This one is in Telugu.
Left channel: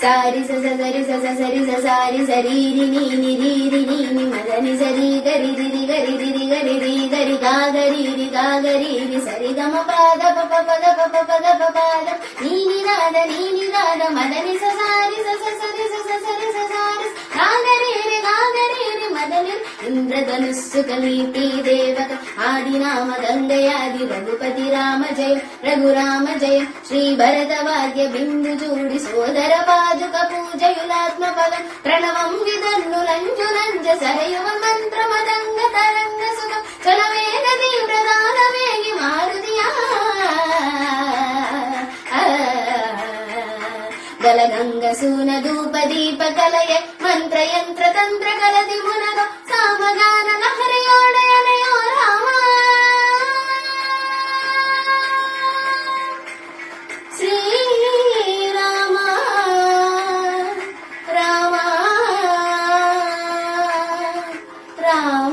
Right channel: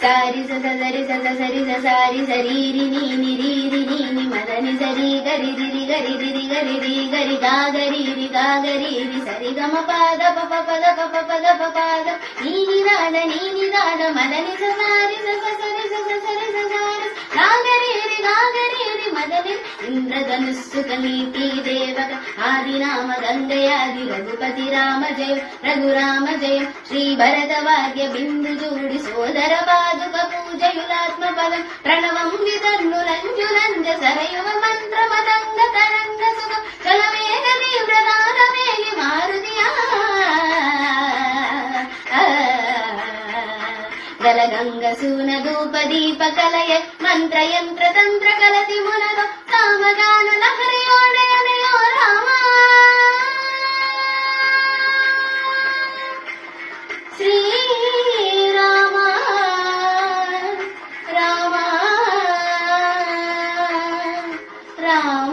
సారి స సరి స సరి స సారి సరీరి నీ రీరి నీ మదని సరి గరి రి గరి రి గరి రి గరి గాగరి సరి గమ పద ప పద ప పద ప పద నీ నాద మదని స సారి స సరి స సరి స సారి గాగరి రి మదని ఇంద్రధనుస్సు కనీతి దేవక ఆదినామ గంగయాది రఘుపతి రామ జయ రఘురామ జయ శ్రీ భరత వాద్య బిందు జూడి సోదర పాదుక పూజయులాత్మ పదం ప్రణవం విధన్నులంజులంజ సరయువ మంత్ర మదంగ తరంగ సుఖ చలవేగ తీవ్రదాన వేగి మారుతియా గల గంగ సూన ధూప దీప కలయ మంత్ర యంత్ర తంత్ర కలది మునగ సామగాన లహరియాడయనయో రామ శ్రీరామ రామ రామ